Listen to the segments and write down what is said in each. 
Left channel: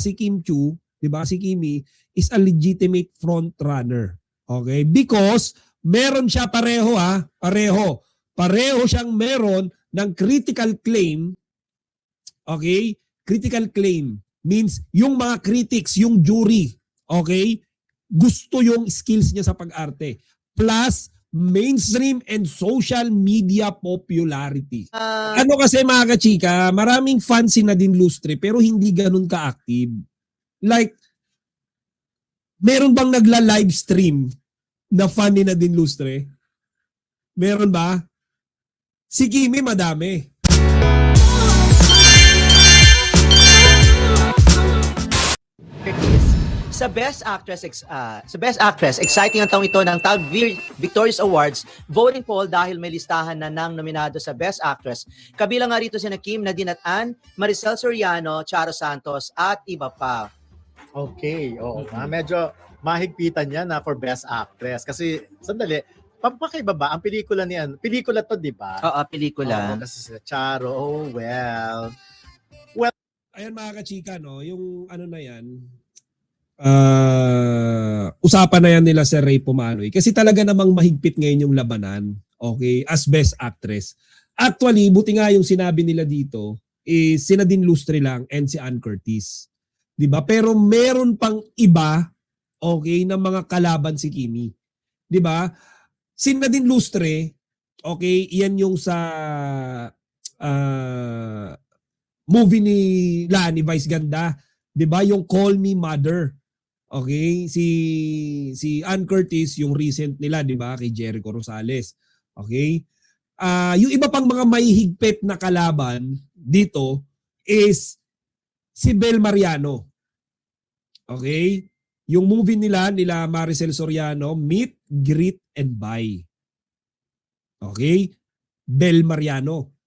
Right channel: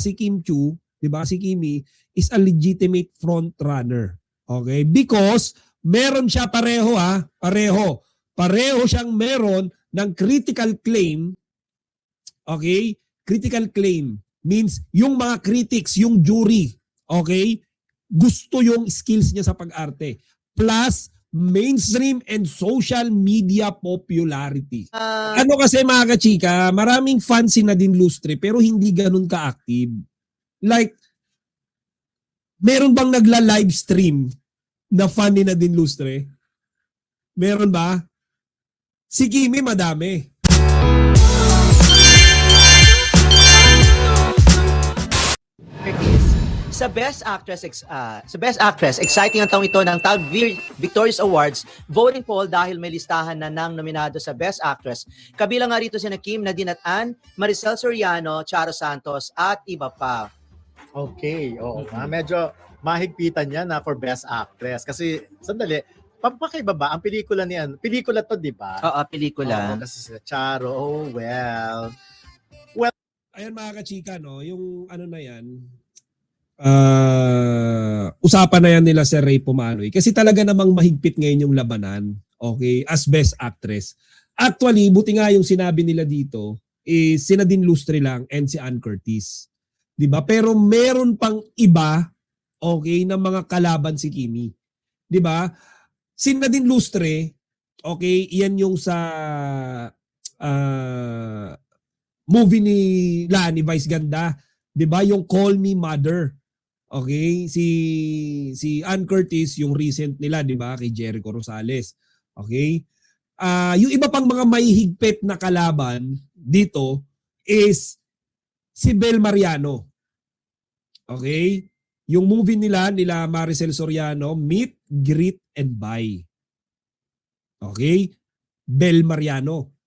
si Kim Chu, 'di ba? Si Kimi is a legitimate front runner. Okay? Because meron siya pareho. Pareho siyang meron ng critical claim. Okay? Critical claim means yung mga critics, yung jury, okay? Gusto yung skills niya sa pag-arte. Plus mainstream and social media popularity. Ano kasi mga kachika, maraming fans si Nadine Lustre pero hindi ganun ka-active. Like, meron bang nagla-live stream na fan ni Nadine Lustre? Meron ba? Si Kimi madami. Sa Best Actress, exciting ang taong ito ng Tag Victorious Awards voting poll dahil may listahan na ng nominado sa Best Actress. Kabilang nga rito sina Kim, Nadine at Ann, Maricel Soriano, Charo Santos at iba pa. Okay, oo. Medyo mahigpitan yan na for Best Actress. Kasi, sandali, pampakaiba ba? Ang pelikula niyan, pelikula to, di ba? Oo, pelikula. Kasi sila Charo, oh well. Ayan mga kachika, no? Yung ano na yan, usapan na yan nila si Ray Pumaloy. Kasi talaga namang mahigpit ngayon yung labanan. Okay? As Best Actress. Actually, buti nga yung sinabi nila dito, is si Nadine Lustre lang and si Ann Curtis. Diba? Pero meron pang iba, okay, na mga kalaban si Kimi. Diba? Si Nadine Lustre, okay, yan yung sa movie ni Lani Vice Ganda, 'di ba? Yung Call Me Mother. Okay? Si Ann Curtis yung recent nila, 'di ba? Kay Jericho Rosales. Okay? Yung iba pang mga mahihigpit na kalaban dito is si Bel Mariano. Okay? Yung movie nila Maricel Soriano, Meet, Greet and Buy. Okay? Bel Mariano.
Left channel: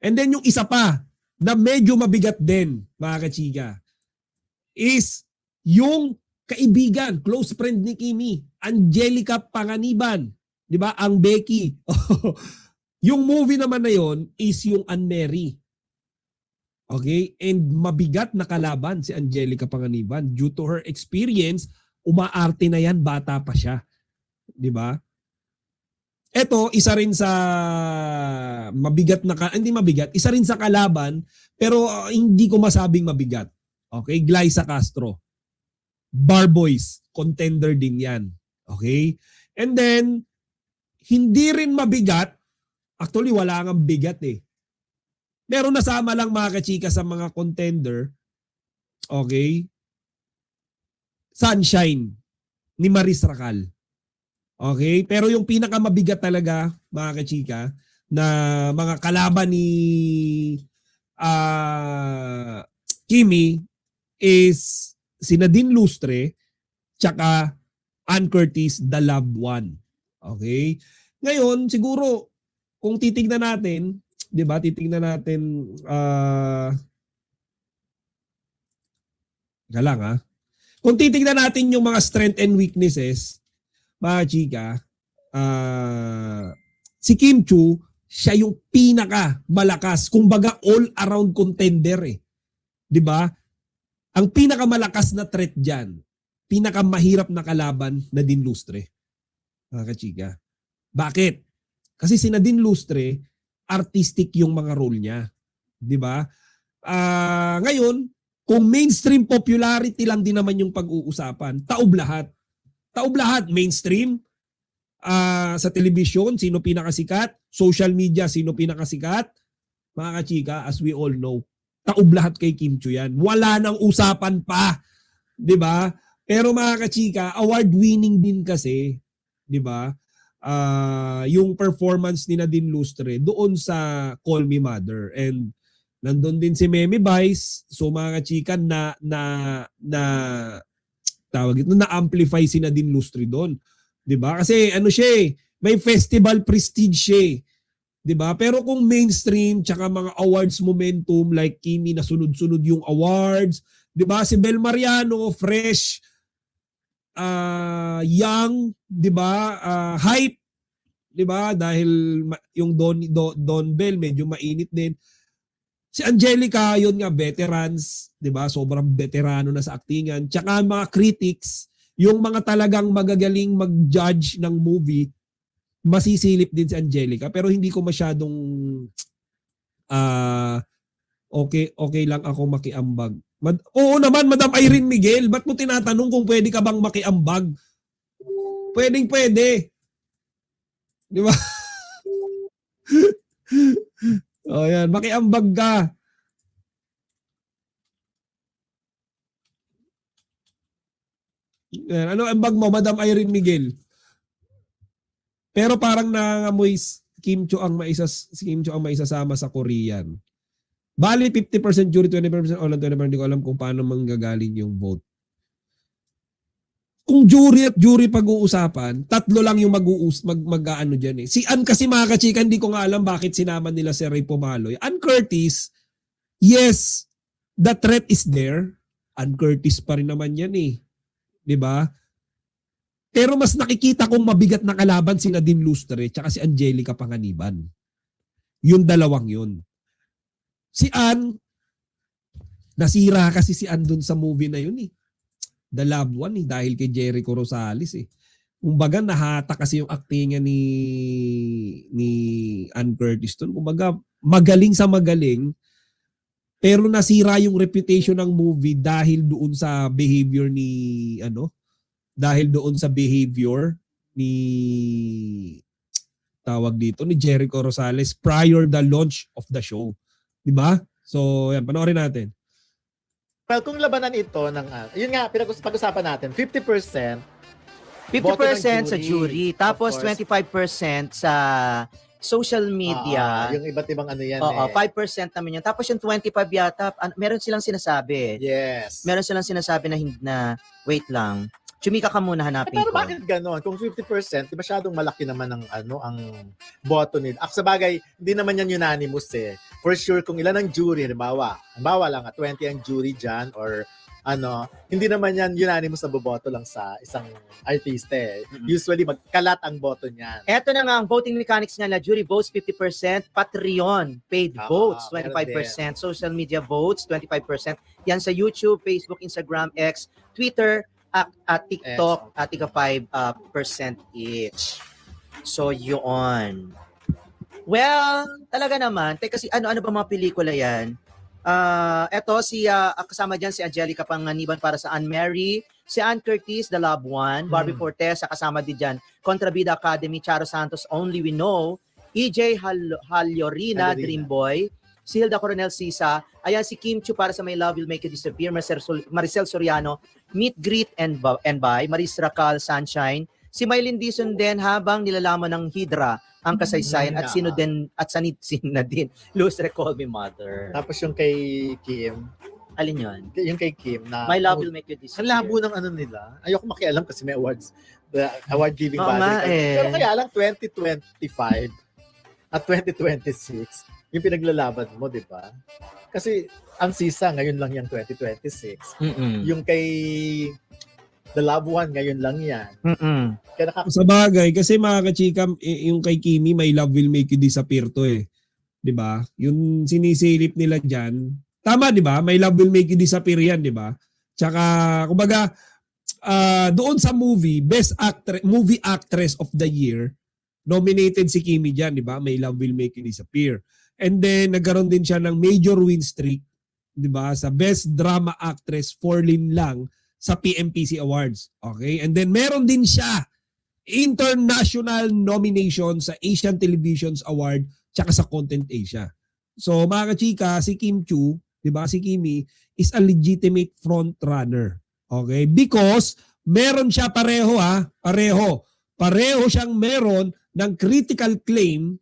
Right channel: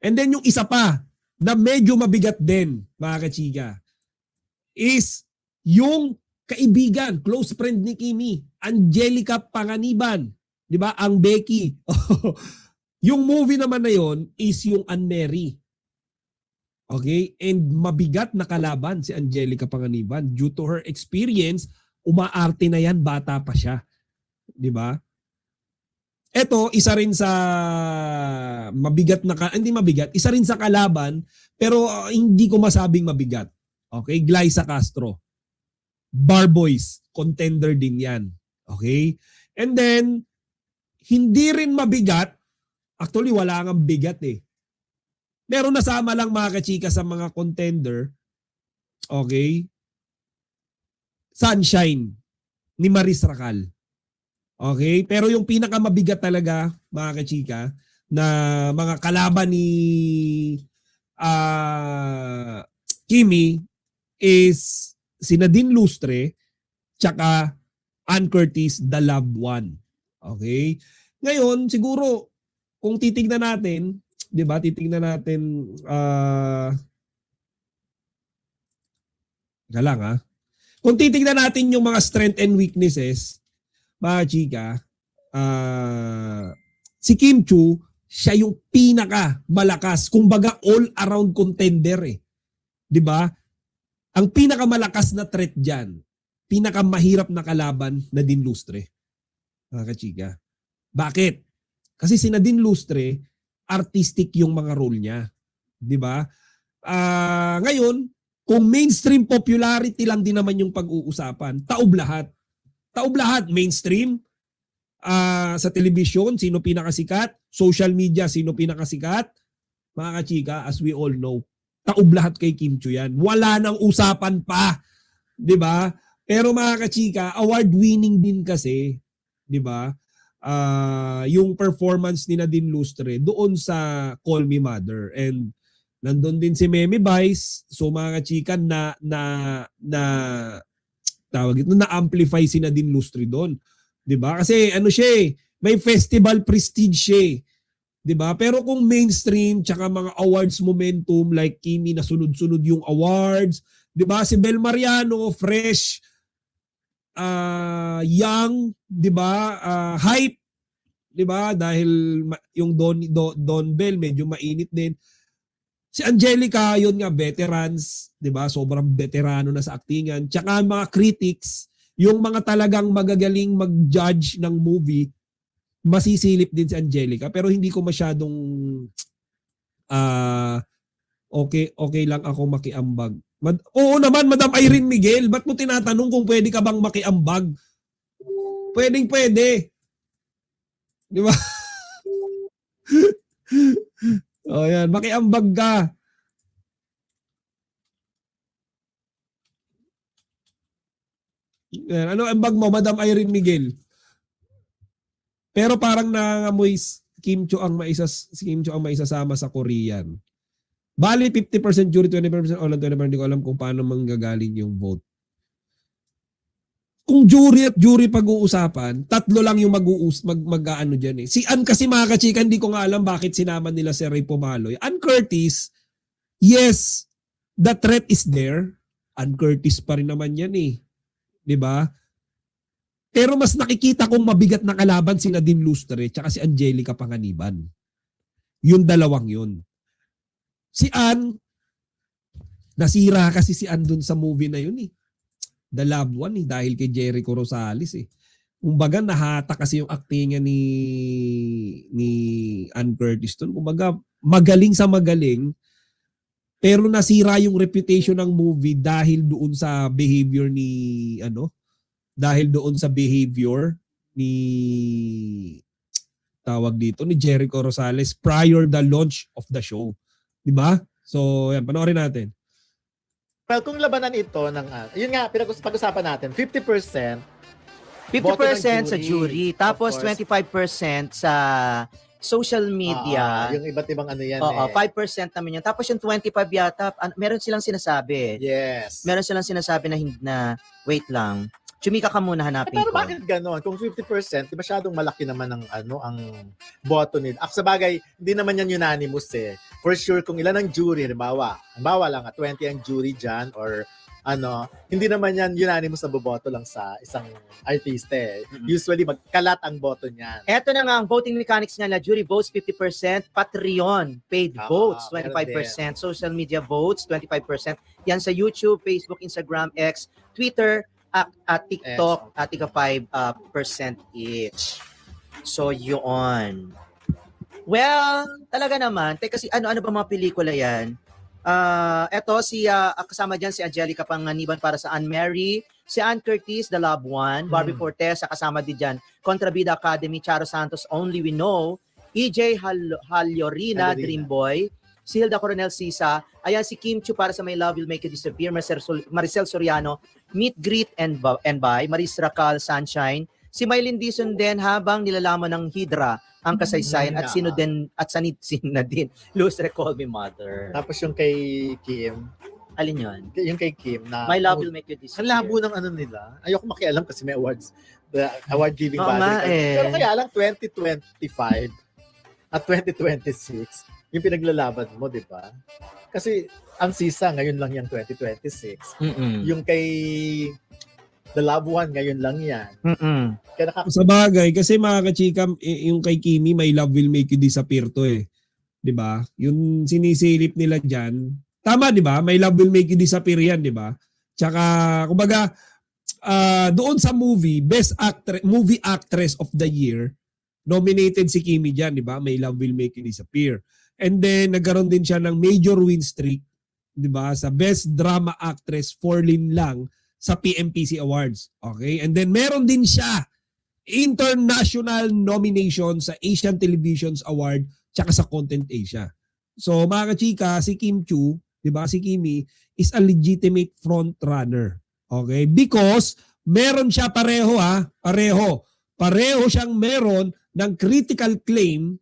And then yung isa pa na medyo mabigat din, mga kachika, is yung kaibigan, close friend ni Kimi, Angelica Panganiban. Di ba? Ang Becky. Yung movie naman na yon is yung Anne-Mary. Okay? And mabigat na kalaban si Angelica Panganiban. Due to her experience, umaarte na yan, bata pa siya. Di ba? Ito, isa rin sa mabigat na, hindi mabigat, isa rin sa kalaban, pero hindi ko masabing mabigat. Okay? Glyza Castro. Barboys, contender din yan. Okay? And then, hindi rin mabigat, actually wala nga bigat eh. Pero nasama lang mga kachika sa mga contender. Okay? Sunshine ni Maris Racal. Okay? Pero yung pinakamabigat talaga, mga kachika, na mga kalaban ni Kimi is si Nadine Lustre tsaka Ann Curtis, the loved one. Okay? Ngayon, siguro, kung titignan natin, di ba, titignan natin, kung titignan natin yung mga strength and weaknesses, mga chika, si Kim Chu, siya yung pinaka malakas, kumbaga all-around contender eh. 'Di ba? Ang pinakamalakas na threat diyan, pinakamahirap na kalaban, Nadine Lustre. Mga kachika. Bakit? Kasi si Nadine Lustre, artistic yung mga role niya. 'Di ba? Ngayon, kung mainstream popularity lang din naman yung pag-uusapan, taob lahat. Taob lahat, mainstream, sa television, sino pinakasikat, social media, sino pinakasikat, mga kachika, as we all know, taob lahat kay Kim Chu yan. Wala nang usapan pa, di ba? Pero mga kachika, award-winning din kasi, di ba? Yung performance ni Nadine Lustre doon sa Call Me Mother. And nandun din si Memi Vice, so mga kachika, tawag ito, na-amplify si Nadine Lustre doon. 'Di ba? Kasi ano siya, may festival prestige siya. 'Di ba? Pero kung mainstream tsaka mga awards momentum like Kimi na sunod-sunod yung awards, 'di ba? Si Bel Mariano, fresh, young, 'di ba? Hype, 'di ba? Dahil yung Don Bell medyo mainit din. Si Angelica, yun nga, veterans, di ba? Sobrang veterano na sa aktingan. Tsaka ang mga critics, yung mga talagang magagaling mag-judge ng movie, masisilip din si Angelica. Pero hindi ko masyadong ah okay lang ako makiambag. Oo naman, Madam Irene Miguel, ba't mo tinatanong kung pwede ka bang makiambag? Pwede. Di ba? O yan, makiambag ka. Ano ambag mo, Madam Irene Miguel? Pero parang nangangamoy si Kim Cho ang maisasama sa Korean. Bali, 50% jury, 20% all, 20% hindi ko alam kung paano manggagaling yung vote. Kung jury at jury pag-uusapan, tatlo lang yung mag-ano dyan eh. Si Ann kasi mga kachika, hindi ko nga alam bakit sinama nila si Ray Pomaloy. Ann Curtis, yes, the threat is there. Ann Curtis pa rin naman yan eh. Di ba? Pero mas nakikita kong mabigat na kalaban si Nadine Lustre tsaka si Angelica Panganiban. Yung dalawang yun. Si Ann, nasira kasi si Ann dun sa movie na yun eh. The Loved One eh, dahil kay Jericho Rosales eh. Kumbaga nahata kasi yung acting niya ni Ann Curtis dun. Kumbaga magaling sa magaling, pero nasira yung reputation ng movie dahil doon sa behavior ni tawag dito ni Jericho Rosales prior the launch of the show. 'Di ba? So, yan, panoorin natin. Well, kung labanan ito ng, yun nga, pag-usapan natin, 50% 50% sa jury, tapos Of course. 25% sa social media. yung iba't ibang ano yan Oo, eh. 5% naman yun. Tapos yung 25 yata, meron silang sinasabi. Yes. Meron silang sinasabi na wait lang. Chumika ka muna, hanapin Pero ko. bakit gano'n? Kung 50%, di masyadong malaki naman ang boto nila. Sa bagay, hindi naman yan unanimous eh. For sure, kung ilan ang jury, halimbawa lang, 20 ang jury dyan, or hindi naman yan unanimous na boboto lang sa isang artista eh. Usually, magkalat ang boto niyan. Eto na nga, ang voting mechanics nila, jury votes 50%, Patreon, paid votes meron 25%, social media votes 25%. Yan sa YouTube, Facebook, Instagram, X, Twitter, at TikTok, at 5% each. So, yun. Well, talaga naman. Teka, kasi ano ba mga pelikula yan? Eto, kasama dyan si Angelica Panganiban para sa Anne Mary, si Ann Curtis, The Loved One, Barbie Fortesa, kasama din dyan, Contrabida Academy, Charo Santos, Only We Know, EJ Hallorina, Dream Boy, Silda Coronel Sisa, ayan si Kim Chu para sa My Love Will Make You Disappear, Maricel Soriano, Meet, Greet, and Buy, Maris Racal, Sunshine, si Mylene Dizon din habang nilalaman ng Hydra ang kasaysayan at sino din na din Lustre Call Me Mother. Tapos yung kay Kim, Alin yun? yung kay Kim na My Love Will Make You ang Disappear. labo ng ano nila. Ayoko makialam kasi may awards. The award giving Oo body. nga eh. Pero kaya lang 2025 at 2026 yung pinaglalaban mo, di ba? Kasi ang sisa ngayon lang yung 2026. Yung kay The Loved One ngayon lang yan. Kaya Sa bagay, kasi mga kachika, yung kay Kimi, My Love Will Make You Disappear to eh. 'Di ba? Yung sinisilip nila diyan. Tama 'di ba? My Love Will Make You Disappear yan, 'di ba? Tsaka kumbaga doon sa movie, movie actress of the year, nominated si Kimi diyan, 'di ba? My Love Will Make You Disappear. And then nagkaroon din siya ng major win streak, 'di ba? Sa Best Drama Actress, 4 lang sa PMPC Awards. Okay? And then meron din siya international nomination sa Asian Televisions Award tsaka sa Content Asia. So mga kachika, si Kim Chu, di ba si Kimi, is a legitimate front runner. Okay? Because meron siya pareho siyang meron ng critical claim.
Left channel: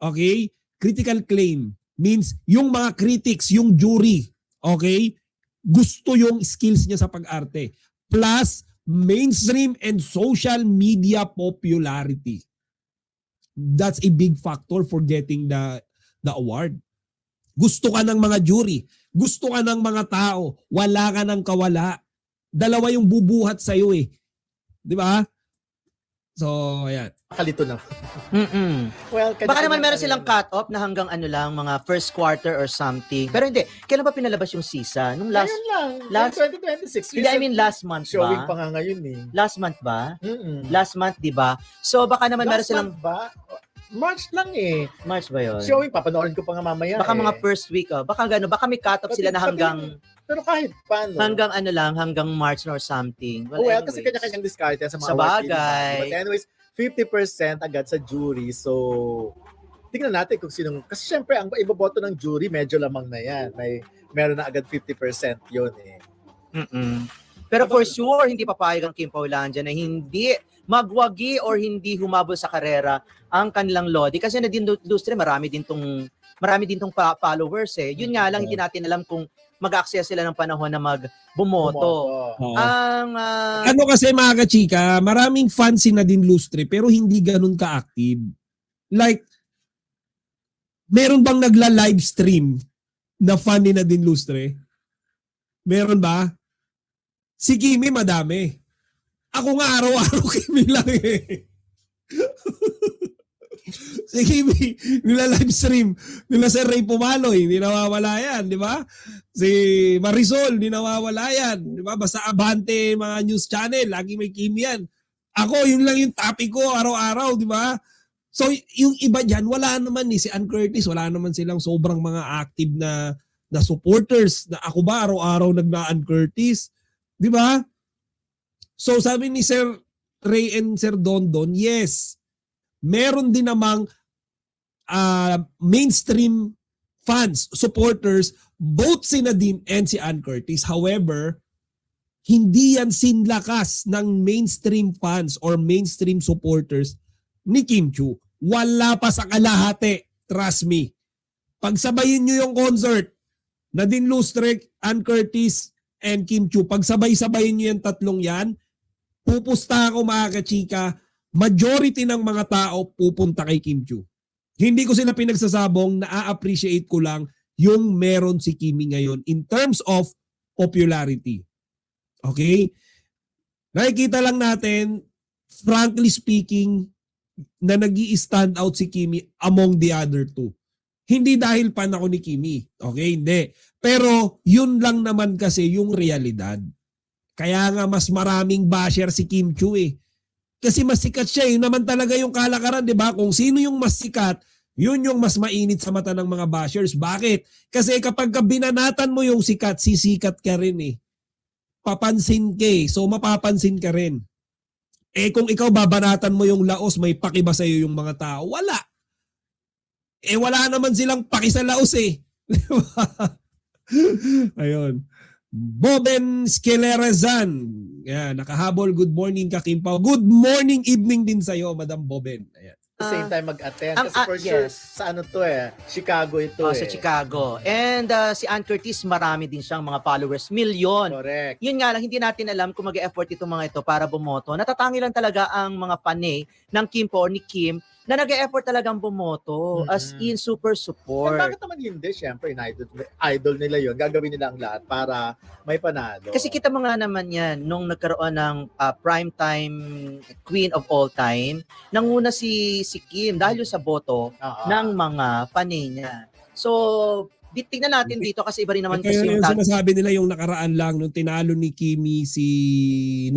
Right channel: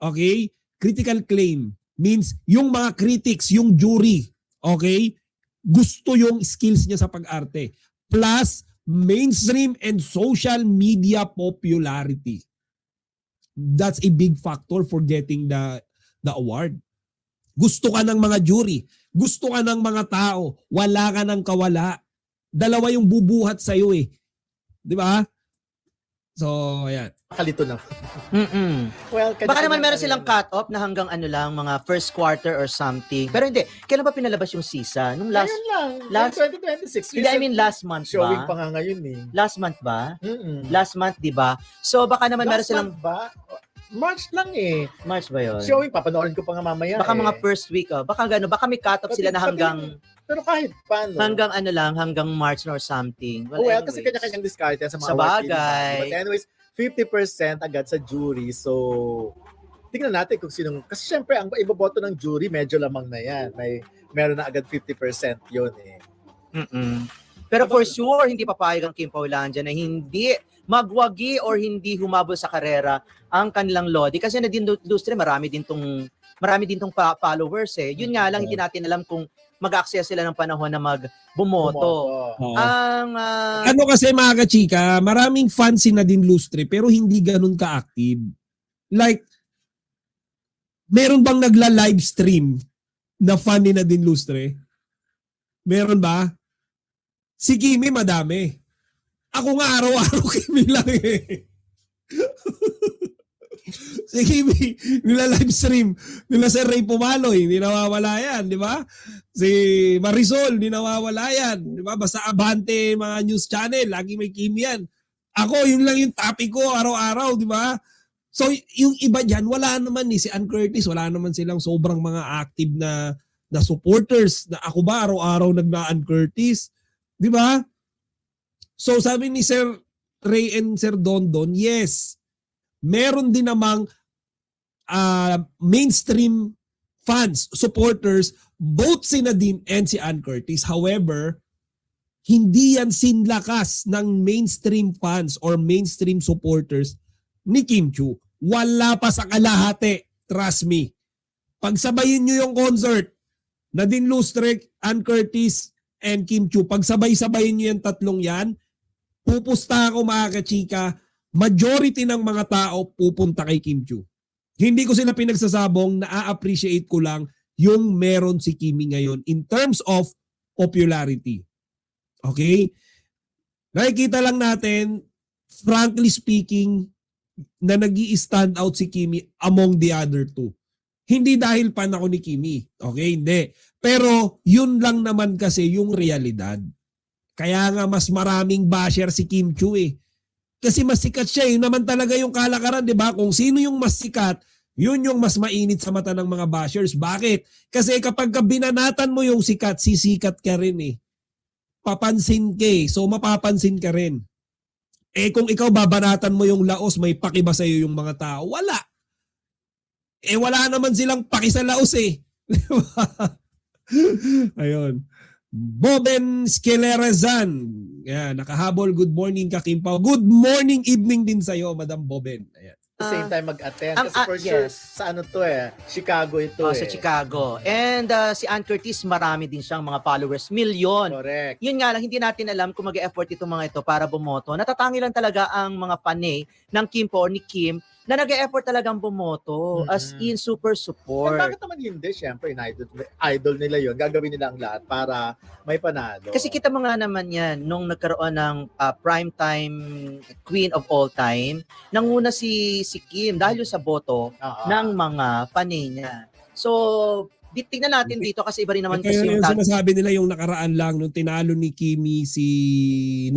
Okay? Critical claim means yung mga critics, yung jury, okay? Gusto yung skills niya sa pag-arte. Plus, mainstream and social media popularity. That's a big factor for getting the award. Gusto ka ng mga jury. Gusto ka ng mga tao. Wala ka ng kawala. Dalawa yung bubuhat sa'yo eh. Di ba? So, ayan. Kalito na. Mm-mm. Well, Baka naman meron silang cut-off na hanggang ano lang, mga first quarter or something. Pero hindi. Kailan ba pinalabas yung season? Nung last, Ayun lang. last- 2026. hindi, I mean last month Showing pa ba? nga ngayon eh. Last month ba? Mm-mm. Last month, di ba? So, baka naman meron Last silang, month ba? March lang eh. March ba yun? Showing, papanoorin ko pa nga mamaya Baka eh. mga first week, baka gano'n, baka may cut-off sila na Pero kahit paano. hanggang ano lang, hanggang March or something. Oo, kasi pinakasang discarding sa bagay. Ano, 50% agad sa jury. So, tingnan natin kung sino. Kasi syempre, ang ipoboto ng jury, medyo naman na yan. Meron na agad 50% yun eh. Pero for sure, hindi papayag ang Kim Paulandia na hindi magwagi or hindi humabol sa karera ang kanilang Lodi. Kasi na din industry, marami din tong followers eh. Yun nga lang, hindi natin alam kung mag-access sila ng panahon na bumoto. Ang Ano kasi mga kachika, maraming fans si Nadine Lustre pero hindi ganun ka-active. Like, meron bang nagla-live stream na fan ni Nadine Lustre? Meron ba? Si Kimi madami. Ako nga araw-araw Kimi lang eh. Si Kimi, nila-live stream. Nila Sir Ray Pumaloy, hindi nawawala yan, di ba? Si Marisol, hindi nawawala yan. Di ba? Basta Abante, mga news channel, lagi may Kimi yan. Ako, yun lang yung topic ko araw-araw, di ba? So, yung iba dyan, wala naman ni si Ann Curtis, wala naman silang sobrang mga active na supporters. Na ako ba, araw-araw nagna-Ann Curtis? Di ba? So, sabi ni Sir Ray and Sir Dondon, yes, meron din namang mainstream fans, supporters, both si Nadine and si Ann Curtis. However, hindi yan sinlakas ng mainstream fans or mainstream supporters ni Kim Chiu. Wala pa sa kalahati. Trust me. Pagsabayin nyo yung concert, Nadine Lustre, Ann Curtis, and Kim Chiu, pagsabay-sabayin nyo yung tatlong yan, pupusta ako mga kachika, majority ng mga tao pupunta kay Kim Chiu. Hindi ko sila pinagsasabong, na-appreciate ko lang yung meron si Kimi ngayon in terms of popularity. Okay? Nakikita lang natin, frankly speaking, na nag-i-stand out si Kimi among the other two. Hindi dahil fan ako ni Kimi. Okay? Hindi. Pero yun lang naman kasi yung realidad. Kaya nga mas maraming basher si Kim Chiu eh. Kasi mas sikat siya eh. Naman talaga yung kalakaran, di ba? Kung sino yung mas sikat, yun yung mas mainit sa mata ng mga bashers. Bakit? Kasi kapag binanatan mo yung sikat, sisikat ka rin eh. Papansin ka eh. So mapapansin ka rin. Eh kung ikaw babanatan mo yung laos, may pakiba sa iyo yung mga tao. Wala. Eh wala naman silang paki sa laos eh. Ayun. Bibin Skinny nakahabol. Good morning, Kakimpaw. Good morning, evening din sa'yo, Madam Boben. Ayan. Same time mag-attend. Kasi for yes. sure, sa ano to eh. Chicago ito sa Chicago. And si Ann Curtis, marami din siyang mga followers. Milyon. Correct. Yun nga lang, hindi natin alam kung mag-e-effort itong mga ito para bumoto. Natatangi lang talaga ang mga panay ng Kim po or ni Kim na nag-e-effort talagang bumoto. As in, super Eh, support. bakit naman hindi? Siyempre, idol nila yun. Gagawin nila ang lahat para may panalo. Kasi kita mo nga naman yan, nung nagkaroon ng primetime queen of all time, nanguna si Kim dahil yung sa boto ng mga panay niya. So, tignan natin dito kasi iba rin naman kasi Kaya yung yung sinasabi nila yung nakaraan lang nung tinalo ni Kimi si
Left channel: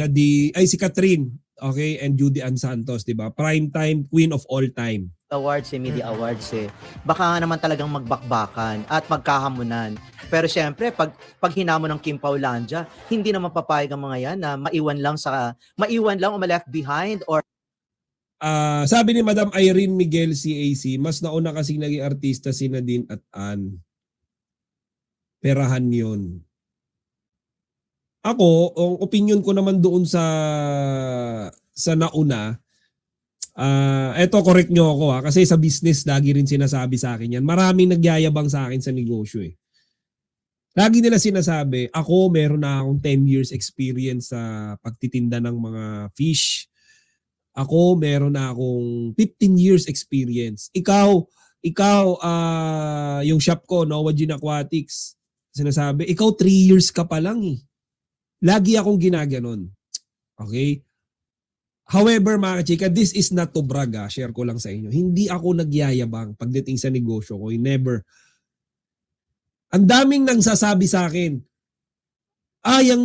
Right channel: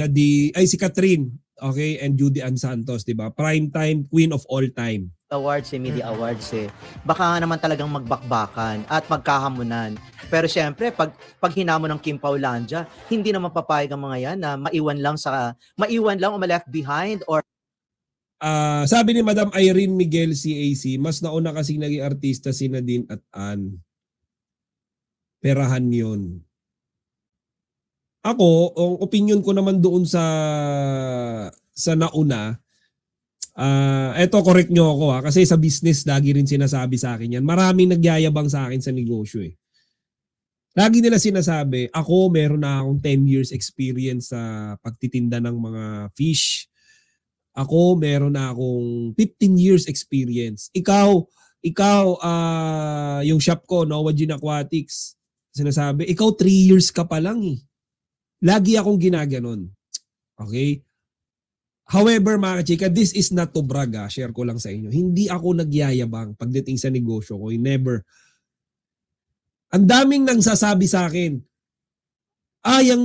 Catherine, okay, and Judy Ann Santos, 'di ba? Prime time queen of all time. awards media awards baka nga naman talagang magbakbakan at magkahamunan. Pero syempre, pag hinamon ng Kim Paulandia, hindi naman papayag ang mga yan na maiwan lang o ma-left behind or Sabi ni Madam Irene Miguel CAC, mas nauna kasi naging artista si Nadine at Ann. Perahan yun. Ako, ang opinion ko naman doon sa nauna, eto correct nyo ako kasi sa business lagi rin sinasabi sa akin yan. Maraming nagyayabang sa akin sa negosyo eh. Lagi nila sinasabi, ako meron na akong 10 years experience sa pagtitinda ng mga fish. Ako meron na akong 15 years experience. Ikaw yung shop ko, Noah Gin Aquatics, sinasabi, ikaw 3 years ka pa lang eh. Lagi akong ginaganon. Okay? However, mga chika, this is not to brag, share ko lang sa inyo. Hindi ako nagyayabang pagdating sa negosyo ko. Never. Ang daming nang sasabi sa akin, yung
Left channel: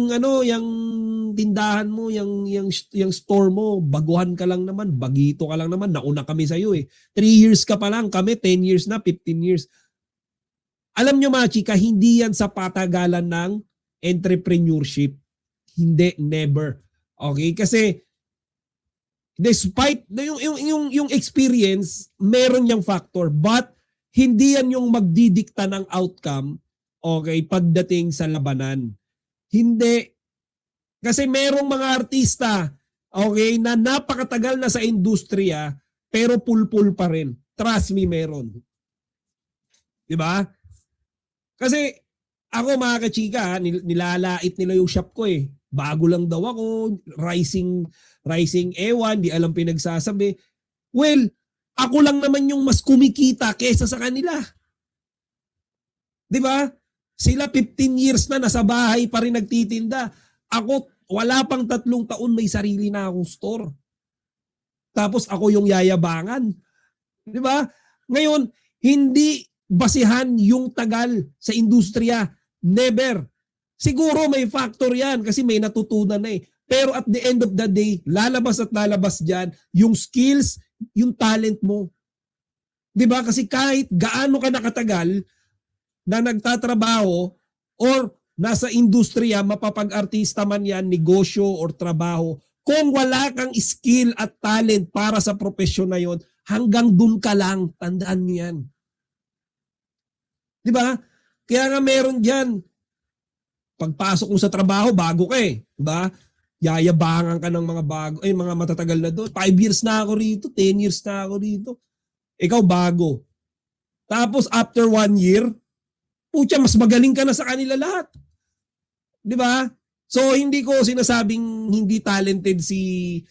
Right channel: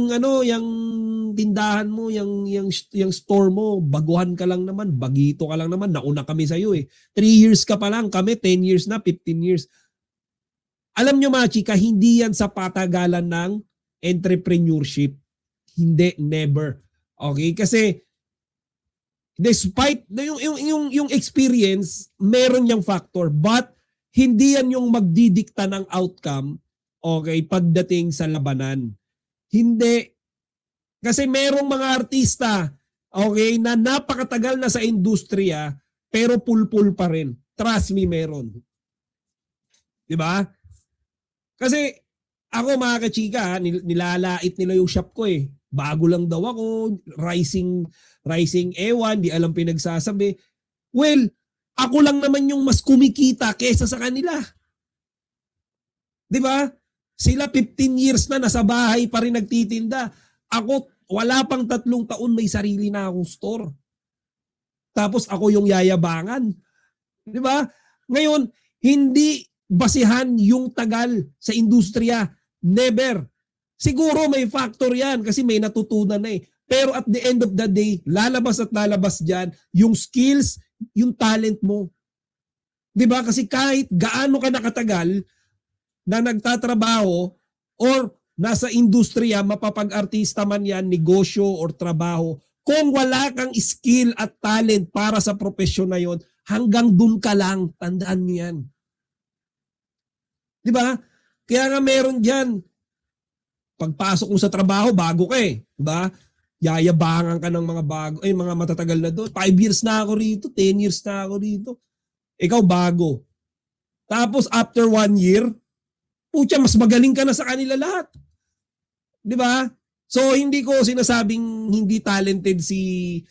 tindahan mo, yung store mo, baguhan ka lang naman, bagito ka lang naman, nauna kami sa iyo eh. 3 years ka pa lang, kami 10 years na, 15 years. Alam nyo mga chika, hindi yan sa patagalan ng entrepreneurship. Hindi, never. Okay, kasi despite yung experience, meron yung factor, but hindi yan yung magdidikta ng outcome, okay, pagdating sa labanan. Hindi. Kasi merong mga artista, okay, na napakatagal na sa industriya, pero pulpul pa rin. Trust me, meron. Di ba? Kasi ako mga kachika, nilalait nila yung shop ko eh. Bago lang daw ako, rising ewan, di alam pinagsasabi. Well, ako lang naman yung mas kumikita kesa sa kanila. Di ba? Sila 15 years na nasa bahay pa rin nagtitinda. Ako, wala pang 3 taon may sarili na akong store. Tapos ako yung yayabangan. Di ba? Ngayon, hindi basihan yung tagal sa industriya. Never. Siguro may factor yan kasi may natutunan na eh. Pero at the end of the day, lalabas at lalabas dyan yung skills, yung talent mo. Di ba? Kasi kahit gaano ka nakatagal na nagtatrabaho or nasa industriya, mapapag-artista man yan, negosyo or trabaho, kung wala kang skill at talent para sa profesyon na yon, hanggang dun ka lang, tandaan mo yan. Di ba? Kaya nga meron dyan, pagpasok mo sa trabaho, bago ka eh. Diba? Yayabangan ka ng mga bago, mga matatagal na doon. 5 years na ako rito, 10 years na ako rito. Ikaw bago. Tapos after 1 year, pucha, mas magaling ka na sa kanila lahat. Di ba? So hindi ko sinasabing hindi talented si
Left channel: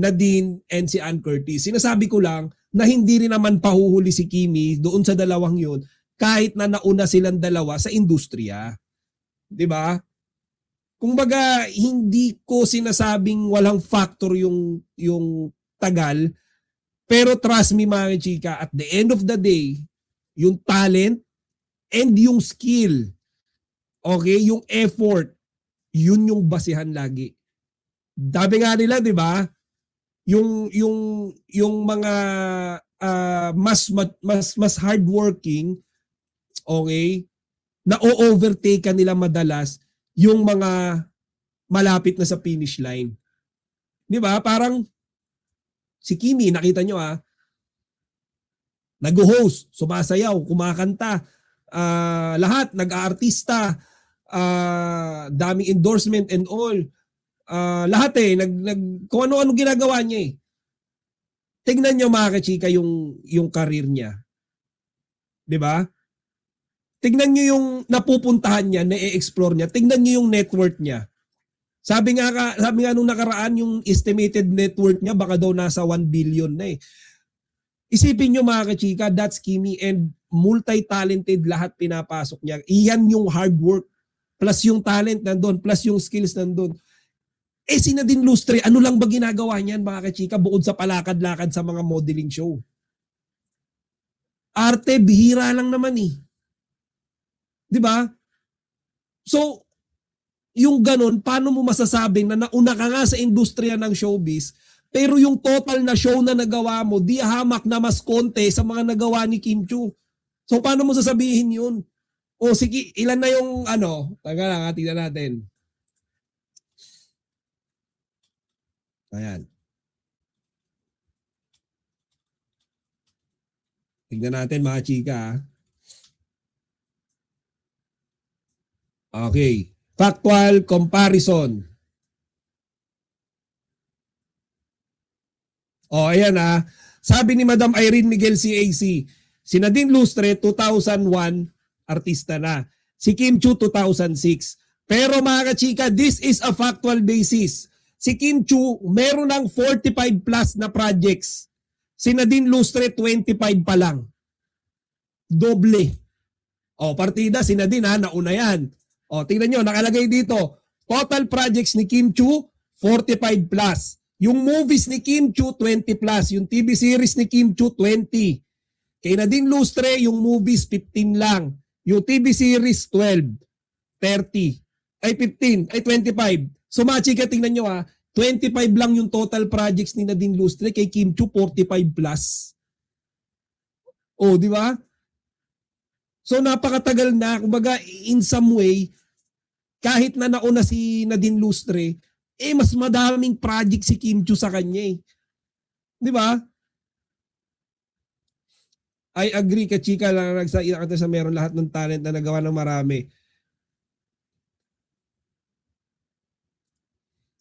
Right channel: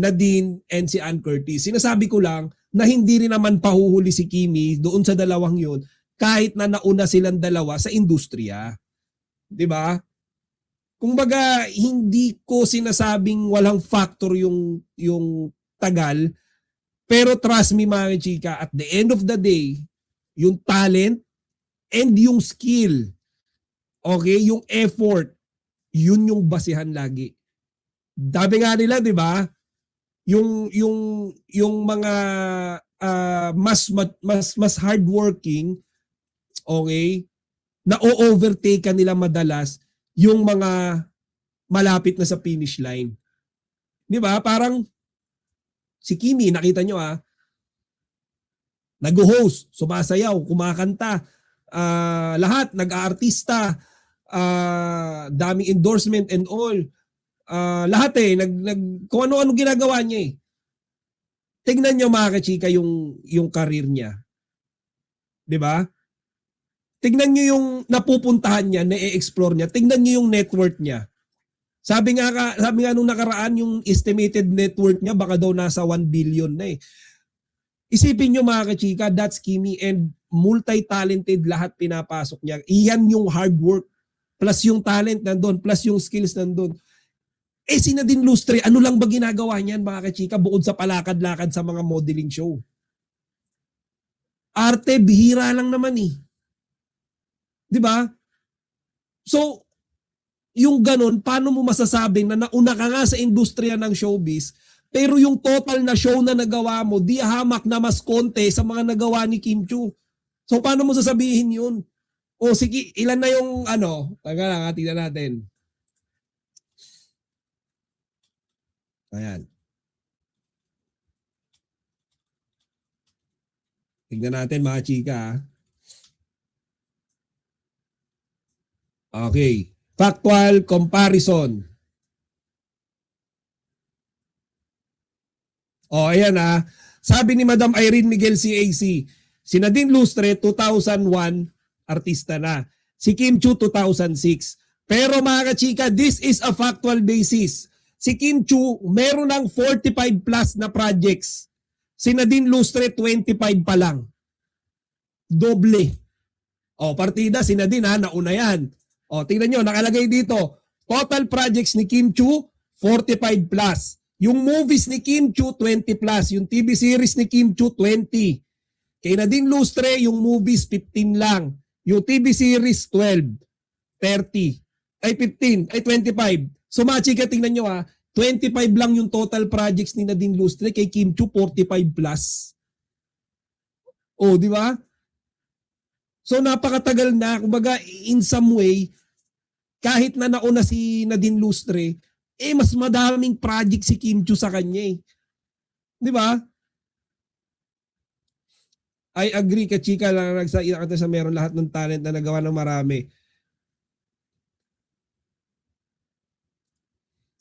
Nadine and si Ann Curtis. Sinasabi ko lang na hindi rin naman pahuhuli si Kimi doon sa dalawang yon kahit na nauna silang dalawa sa industriya. Di ba? Kumbaga, hindi ko sinasabing walang factor yung tagal. Pero trust me mga chika, at the end of the day, yung talent and yung skill, okay, yung effort, yun yung basihan lagi. Sabi nga nila, di ba? Yung mga mas hardworking, okay, na-overtake ka nila madalas yung mga malapit na sa finish line. Di ba? Parang si Kimi, nakita nyo nag-host, sumasayaw, kumakanta, lahat, nag-aartista, daming endorsement and all. Lahat kung ano-ano ginagawa niya eh. Tignan nyo mga kachika yung career niya. Di ba? Tignan nyo yung napupuntahan niya, na-explore niya. Tignan nyo yung net worth niya. Sabi nga nung nakaraan, yung estimated net worth niya baka daw nasa 1 billion na eh. Isipin nyo mga kachika, that's Kimi, and multi-talented lahat pinapasok niya. Iyan yung hard work, plus yung talent nandun, plus yung skills nandun. Si Nadine Lustre, ano lang ba ginagawa niyan mga kachika bukod sa palakad-lakad sa mga modeling show? Arte, bihira lang naman eh. Di ba? So, yung ganun, paano mo masasabing na nauna ka nga sa industriya ng showbiz, pero yung total na show na nagawa mo, di hamak na mas konti sa mga nagawa ni Kim Chiu. So, paano mo sasabihin yun? O sige, ilan na yung taga lang, tingnan natin. Ayan. Tingnan natin mga chika. Okay. Factual comparison. Ayan Sabi ni Madam Irene Miguel CAC, si Nadine Lustre 2001 artista na. Si Kim Chiu 2006. Pero mga kachika, this is a factual basis. Si Kim Chiu meron ng 45 plus na projects. Si Nadine Lustre 25 pa lang. Doble. Partida si Nadine nauna yan. Tingnan nyo, nakalagay dito. Total projects ni Kim Chiu, 45 plus. Yung movies ni Kim Chu, 20 plus. Yung TV series ni Kim Chu, 20. Kay Nadine Lustre, yung movies, 15 lang. Yung TV series, 12. 30. Ay, 15. Ay, 25. So, machika, tingnan nyo 25 lang yung total projects ni Nadine Lustre. Kay Kim Chu, 45 plus. Oh, di ba? So, napakatagal na. Kumbaga, in some way, kahit na nauna si Nadine Lustre, mas madaming project si Kim Chu sa kanya eh. Di ba? I agree ka chika lang nagsaiyak sa meron lahat ng talent na nagawa ng marami.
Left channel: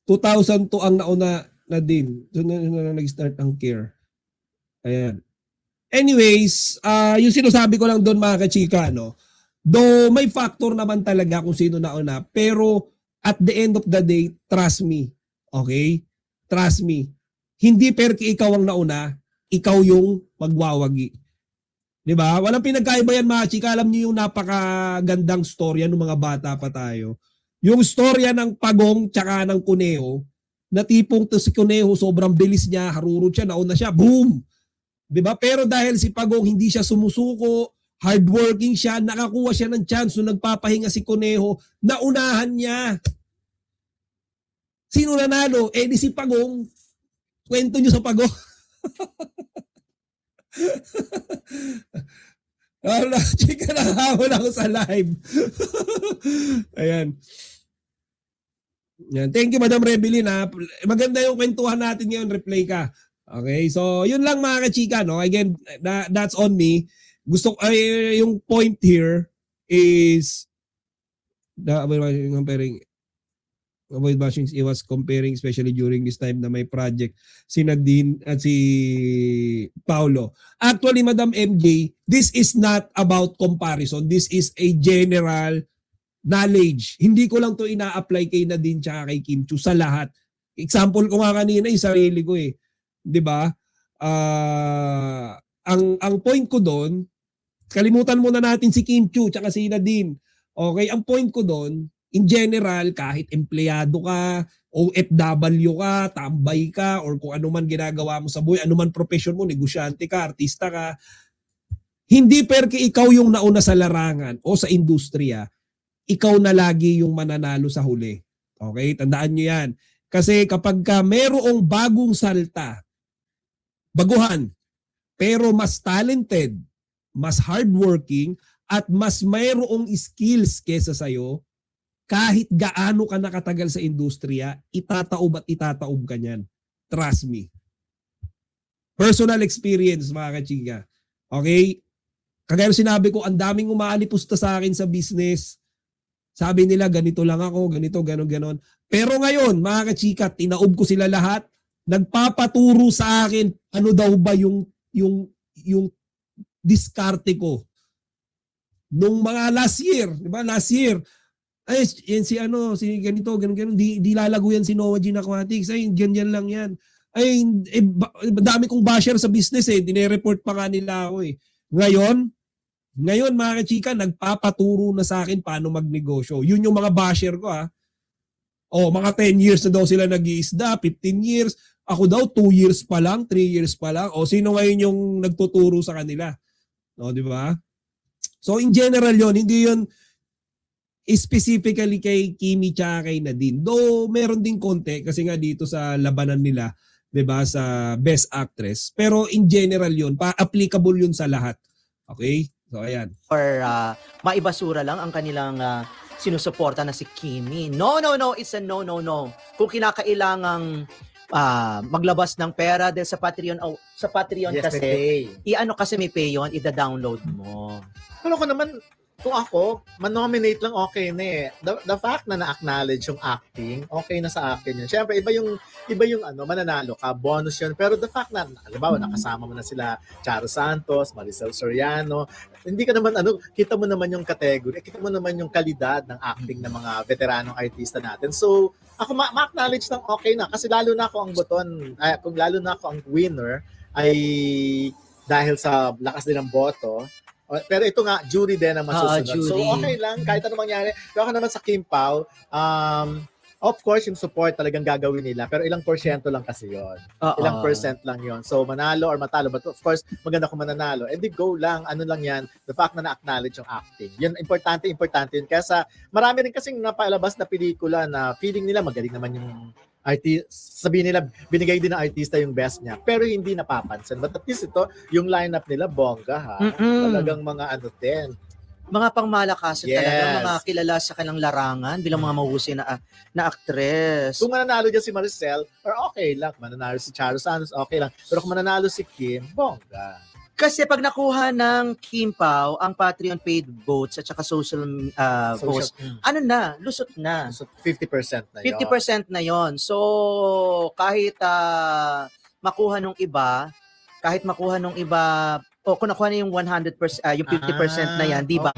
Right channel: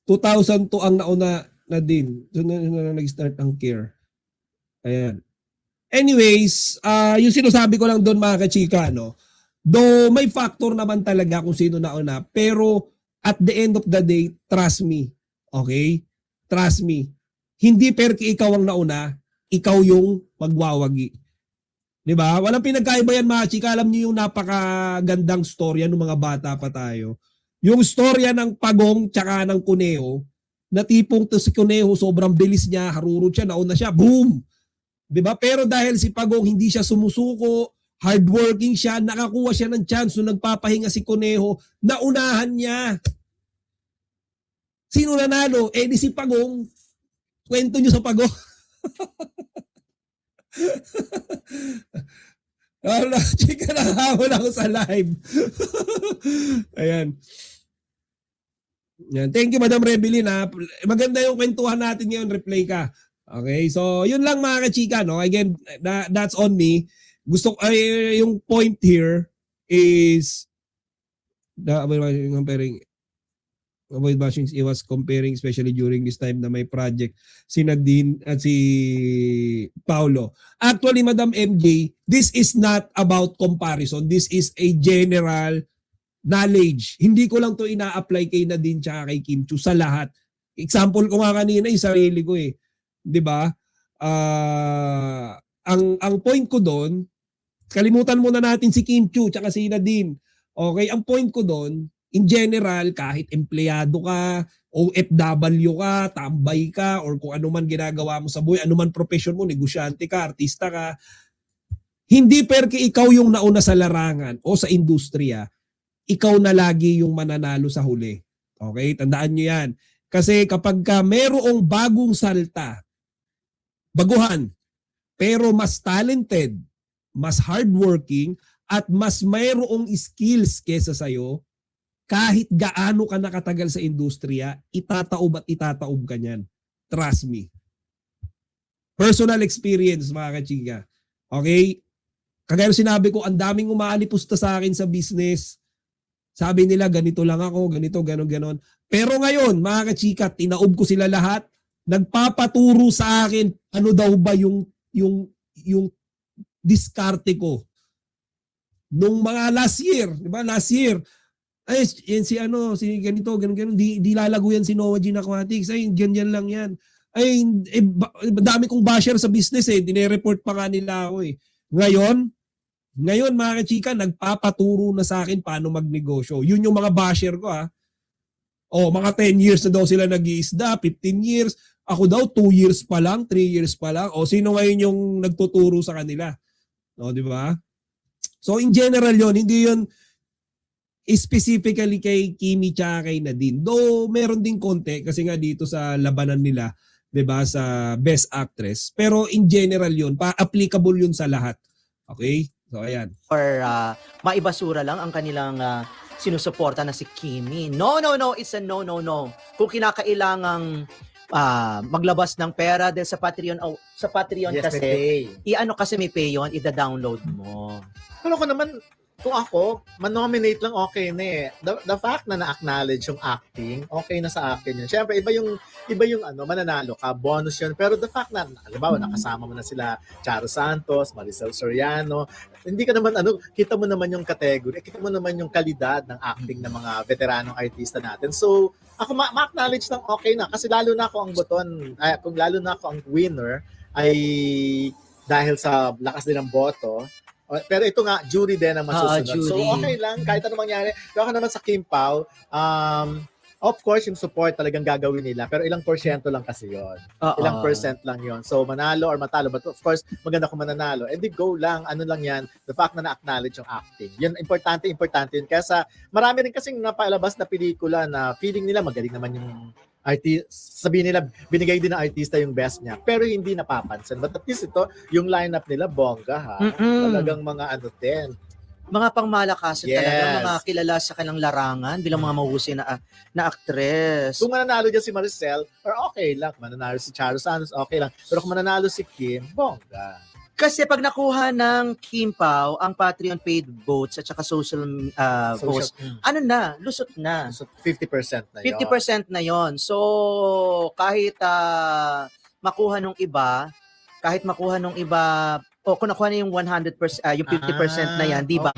2002 ang nauna na din. Doon na nag-start ang care. Ayan. Anyways, yung sinasabi ko lang doon mga kachika, no? Though may factor naman talaga kung sino nauna. Pero at the end of the day, trust me. Okay? Trust me. Hindi perki ikaw ang nauna, ikaw yung magwawagi. Diba? Walang pinagkaiba yan mga chika. Alam niyo yung napakagandang storya ng mga bata pa tayo. Yung storya ng pagong tsaka ng kuneho, na tipong to si kuneho sobrang bilis niya, harurot siya, nauna siya, boom! Diba? Pero dahil si pagong hindi siya sumusuko, hardworking siya, nakakuha siya ng chance nung nagpapahinga si kuneho, naunahan niya. Sino nanalo? Di si pagong. Kwento niyo sa pagong. Chika na habol ako sa live. Ayan. Yan. Thank you, Madam Rebelin. Maganda yung kwentuhan natin ngayon. Replay ka. Okay, so yun lang mga kachika. No? Again, that's on me. Gusto yung point here is comparing he was comparing especially during this time na may project si Nadine at si Paulo. Actually, Madam MJ, this is not about comparison. This is a general knowledge. Hindi ko lang to ina-apply kay Nadine tsaka kay Kim Chu sa lahat. Example ko nga kanina yung sarili ko eh. 'Di ba? Ang point ko doon, kalimutan muna natin si Kim Chu tsaka si Nadine. Okay, ang point ko doon, in general, kahit empleyado ka, OFW ka, tambay ka, or kung ano man ginagawa mo sa buhay, ano man profession mo, negosyante ka, artista ka, hindi perke ikaw yung nauna sa larangan o sa industriya, ikaw na lagi yung mananalo sa huli. Okay? Tandaan nyo yan. Kasi kapag ka merong bagong salta, baguhan, pero mas talented, mas hardworking, at mas mayroong skills kesa sa'yo, kahit gaano ka nakatagal sa industriya, itataob at itataob ka niyan. Trust me. Personal experience, mga kachika. Okay? Kagaya sinabi ko, ang daming umaalipusta sa akin sa business. Sabi nila, ganito lang ako, ganito, ganon. Pero ngayon, mga kachika, tinaob ko sila lahat. Nagpapaturo sa akin, ano daw ba yung diskarte ko. Nung mga last year, di ba? Last year, ay, yan si ganito, ganon, di lalago yan si Noah Gene Aquatics. Ay, ganyan lang yan. Ay, dami kong basher sa business eh. Dine-report pa nga nila ako eh. Ngayon mga kachika, nagpapaturo na sa akin paano magnegosyo. Yun yung mga basher ko mga 10 years na daw sila nag-iisda, 15 years. Ako daw 2 years pa lang, 3 years pa lang. Sino ngayon yung nagtuturo sa kanila? No, di ba? So in general yon, hindi yon specifically kay Kimi tsaka kay Nadine. Though meron din konti kasi nga dito sa labanan nila, 'di ba, sa Best Actress. Pero in general yon, applicable yun sa lahat. Okay? So ayan. Or maibasura lang ang kanilang sinusuporta na si Kimi. No, it's a no. Kung kinakailangang maglabas ng pera dahil sa Patreon Yes, kasi i-ano kasi may pay yun, i-download mo. Ano ko naman, kung ako, man-nominate lang okay na eh. The fact na na-acknowledge yung acting, okay na sa akin yun. Siyempre, iba yung mananalo ka, bonus yun. Pero the fact na, halimbawa, nakasama mo na sila Charo Santos, Maricel Soriano, hindi ka naman, kita mo naman yung category, kita mo naman yung kalidad ng acting ng mga veteranong artista natin. So, ako ma-acknowledge lang okay na. Kasi lalo na ako ang lalo na ako ang winner, ay dahil sa lakas din ng boto. Pero ito nga, jury din ang masusunod. So, okay lang, kahit ano mangyari. Pero ako naman sa Kim Pao, Of course, yung support talagang gagawin nila, pero ilang porsyento lang kasi yon. Oo. Ilang percent lang yon. So, manalo or matalo. But of course, maganda kung mananalo. And go lang, ano lang yan, the fact na na-acknowledge yung acting. Yun, importante yun. Kaya marami rin kasing napalabas na pelikula na feeling nila magaling naman yung sabihin nila, binigay din ng artista yung best niya, pero hindi napapansin. But at least ito, yung lineup nila, bongga ha. Talagang mga ano din. Mga pangmalakasan Yes. talaga, mga kilala sa kanilang larangan bilang mga mahusay na actress. Kung mananalo din si Maricel, okay lang. Mananalo si Charo Sanchez, okay lang. Pero kung mananalo si Kim, Kasi pag nakuha ng Kim Pao ang Patreon paid votes at saka social votes, ano na, lusot na. so 50% na yun. 50% na yon. So, kahit makuha nung iba, o kung nakuha na yung 100%, yung 50% na yan, di ba?